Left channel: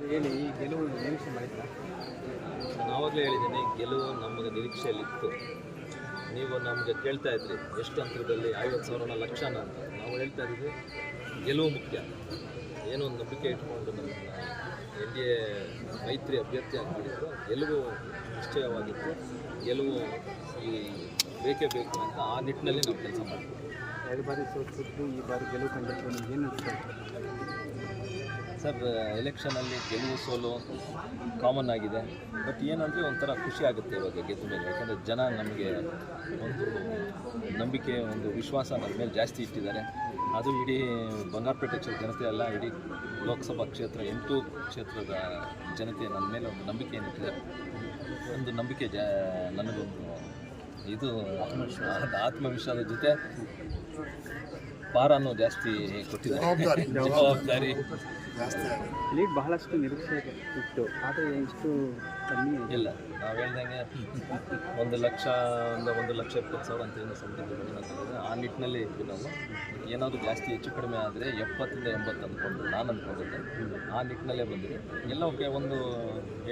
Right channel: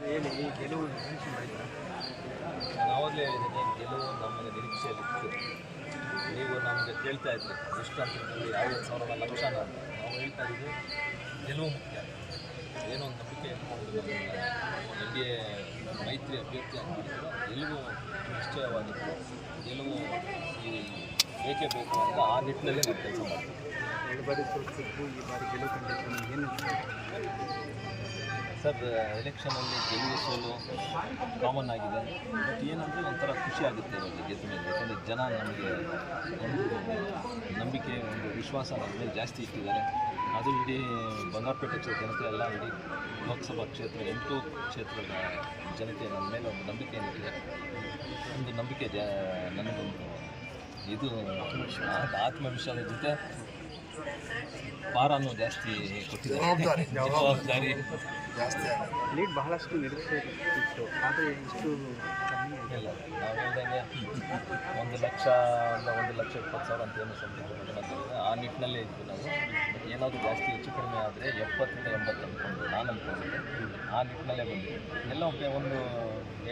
ಹೇಳಿ ಈ ಗೆಲುವು ನಿರೀಕ್ಷೆ ಮಾಡಿದ್ರೆ ನಾವಾಗಲೇ ಹೇಳಿದ್ದೀನಿ ಗೆಲುವು ನಮಗೆ ನಿರೀಕ್ಷೆಯಲ್ಲಿತ್ತು. ನೀವು ನಮಗೆ ಕೇಳ್ತಾ ಇದ್ರಿ ಎಷ್ಟು ಅಂತರದಲ್ಲಿ ಐವತ್ತು ಸಾವಿರನ ಲಕ್ಷನ ಅಂತ. ನಾವು ಹೇಳ್ತಾ ಇದ್ದೀವಿ ಗೆಲುವು ಮುಖ್ಯ. ಏನೋ ಒಂದು ನಂಬಿಕೆ ಇಟ್ಕೊಂಡು ನಮ್ಮ ಎನ್ ಡಿ ಎ ಮೈತ್ರಿ ಅಭ್ಯರ್ಥಿಯಾಗಿ ಮಾಡಿದ್ರು. ಗೆಲುವು ನಿಶ್ಚಯವಾಗಿತ್ತು. ಗೆಲುವು ಈ ಬೇಕೇ ಬೇಕು ಅಂತ ಆ ನಿಟ್ಟಿನಲ್ಲಿ ನಾವು ಕೆಲಸ ಮಾಡ್ತೀವಿ. ಎರಡು ಬಾರಿ ಸೋತಿದ್ದು ಈ ಬಾರಿ ಗೆಲುವು ಕಂಡಿದ್ದು ಏನು ಸರ್ ಎಲೆಕ್ಷನಲ್ಲಿ ಗೆಲುವು ಸೋಲು ಕಾಮನ್ ಆಗಿದೆ. ಬಟ್ ಏನಂದರೆ ಒಂಥರ ಖುಷಿ ಆಗುತ್ತೆ ಇವಾಗ ಗೆದ್ದ ಮೇಲೆ ಯಾಕಂದರೆ ಜನ ನಮಗೆ ಒಂದು ನಂಬಿಕೆ, ಒಂದು ವಿಶ್ವಾಸ ನನ್ನ ಮೇಲೆ ಜಾಸ್ತಿ ಇಟ್ಟಿದ್ದಾರೆ. ಅದು ಇಡೀ ಬಂಗಾರಪೇಟೆ ಕ್ಷೇತ್ರ, ಜನತೆ ಎಲ್ಲ ಇಡೀ ಲೋಕಸಭಾ ಕ್ಷೇತ್ರ, ಎಂಟು ಕ್ಷೇತ್ರದ ಜನತೆ ನನ್ನ ಮೇಲೆ ಒಂದು ನಂಬಿಕೆ ಇಟ್ಟಿದ್ದಾರೆ ಒಂದು ನಂಬಿಕೆ ಜ, ನನಗೊಂದು ಇದು ಆತ್ಮವಿಶ್ವಾಸದ ಜೊತೆ ಭಾರನೂ ಜಾಸ್ತಿ ಕೊಟ್ಟಿದ್ದಾರೆ. ಜವಾಬ್ದಾರಿ. ಲೀಡ್ ಬಹಳಷ್ಟು ನಿರೀಕ್ಷೆ ಇತ್ತು ಇಷ್ಟು ಕಮ್ಮಿ ಇಲ್ಲ ನಾವು ಹೇಳ್ದಂಗೆ ಒಂದು ಲಕ್ಷ ಅಂದ ಒಂದು ಲಕ್ಷ ಇಪ್ಪತ್ತು ಸಾವಿರ ಅಂತ ಏನು ಸಮೃದ್ಧಿ ತರೋದು ಆ ನಿಟ್ಟಿನಲ್ಲೇ ಇದ್ವಿ ನಾವು. ಬಟ್ ಏನಾದರೂ ಜಾಸ್ತಿ ಹೆಚ್ಚು ಕಡಿಮೆ ಆದರೆ ಎಪ್ಪತ್ತಿಂದ ಎಂಬತ್ತು ಅಂದ್ಕೊಂಡು ನಾನು ಅಂದ್ಕೊಂಡಿದ್ದೆ ಆ ನಿಟ್ಟಿನಲ್ಲೇ ಬಂದಿದೆ. ಎಲ್ಲ ಒಬ್ಬ ಒಂದು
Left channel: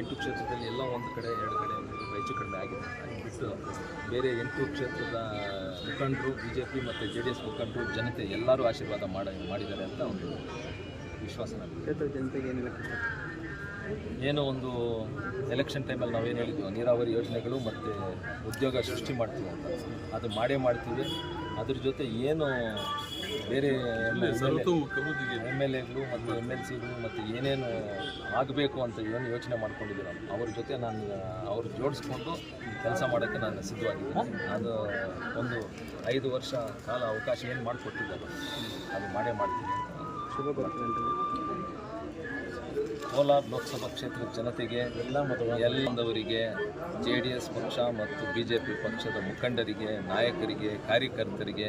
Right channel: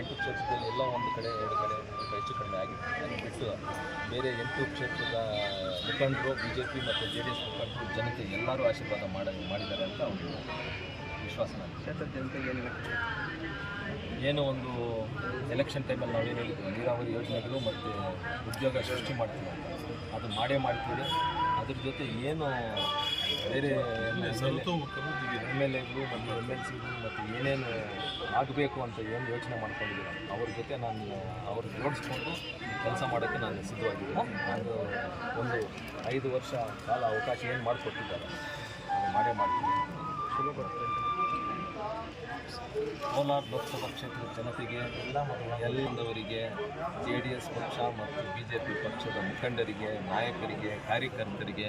ಎಂಟು ಕ್ಷೇತ್ರದಲ್ಲಿ ಎಲ್ಲ ಒಂದು ಕಡೆ ಎರಡು ಕಡೆ ಸ್ವಲ್ಪ ಹೆಚ್ಚು ಕಡಿಮೆ ಆಗಿದೆ. ಅದು ಬಿಟ್ಟು ಬೇರೆ ಎಂಟು ಕ್ಷೇತ್ರದ ಮುಖಂಡರು ಬಿ ಜೆ ಪಿ ಮತ್ತು ಜೆ ಡಿ ಎಸ್ ಮುಖಂಡರು ಜನತೆ ಎಲ್ಲರೂ ಆಶೀರ್ವಾದ ಮಾಡಿ ಮಾಡಿದ್ದಾರೆ ಅಂತ ಒಂದು ವಿಶ್ವಾಸ ನನಗೆ ಕ್ಷೇತ್ರ ಜನತೆಗೆ ಏನು? ಏನು ಒಂದು ಎಲೆಕ್ಷನ್ ಟೈಮಲ್ಲಿ ನಾವೇನು ಹೇಳಿದ್ವಿ ನೀರಾವರಿ ಯೋಜನೆಗಳು ಮತ್ತು ಉದ್ಯೋಗ ಸೃಷ್ಟಿ ಮಾಡ್ತೀವಿ ಅಂತ. ಅದು ಮಾಡೇ ಮಾಡ್ತೀವಿ. ಅದ್ರ ಜೊತೆ ಏನು ಬೇರೆ ಎಂ ಎಲ್ ಎಗಳು ಮತ್ತು ಎಂ ಎಲ್ ಸಿಗಳು ಮತ್ತು ಏನೇನು ಆಗಬೇಕು ಅಂತ ಏನು ಯೋಚನೆ ಮಾಡ್ಕೊಂಡಿದ್ದೀರ? ಅವ್ರ ಜೊತೆ ನಾನು ಅವ್ರಿಗೆ ಜೋಡಿಸ್ಕೊಂಡು ಕೆಲಸ ಮಾಡೋಕ್ಕೆ ನಾನು ಸಿದ್ಧವಾಗಿದ್ದೀನಿ. ಅದು ಒಂದು ಐದು ವರ್ಷ ಕಾಲ ಅವಕಾಶ ಏನು ಮಾಡಿಕೊಟ್ಟಿದ್ದಾರೆ ಅದು ಮಾಡೇ ಮಾಡ್ತೀನಿ. ಕೋಲಾರ ಲೋಕಸಭಾ ಕ್ಷೇತ್ರದ ಜನತೆಗೆ ಎಲ್ಲ ಎಲ್ಲದವರಿಗೆ ಜೆ ಡಿ ಎಸ್ ಪಕ್ಷ ಮತ್ತು ಬಿ ಜೆ ಪಿ ಪಕ್ಷದ ಮುಖಂಡರಿಗೆ, ನಾಯಕರಿಗೆ, ಕಾರ್ಯಕರ್ತರಿಗೆ